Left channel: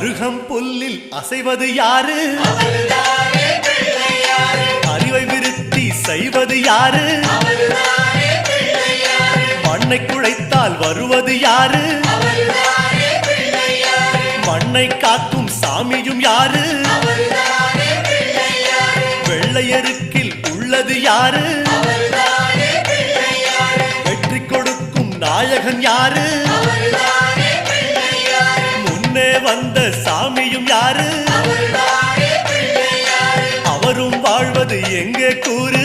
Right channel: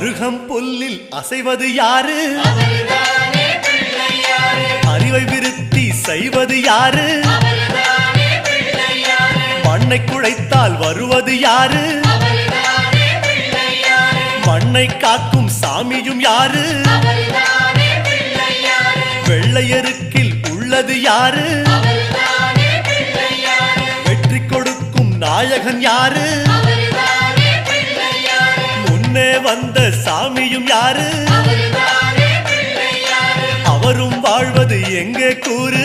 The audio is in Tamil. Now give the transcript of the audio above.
அருகம் புல்லில் அசைவது யாரு? அறிவை விருத்தி செய்வது யாரு? மண்ணை குழைத்தால் வருவது யாரு? மண்ணை காக்கும் சாமியும் யாரு? வெள்ளையருக்கில் உள்ளது யாரு? வெற்றி கொடுக்கும் நாயகன் யாரு? முன்னே வந்த சாமியும் யாரு? அவரும் வாழ்வது எங்கே கூறு?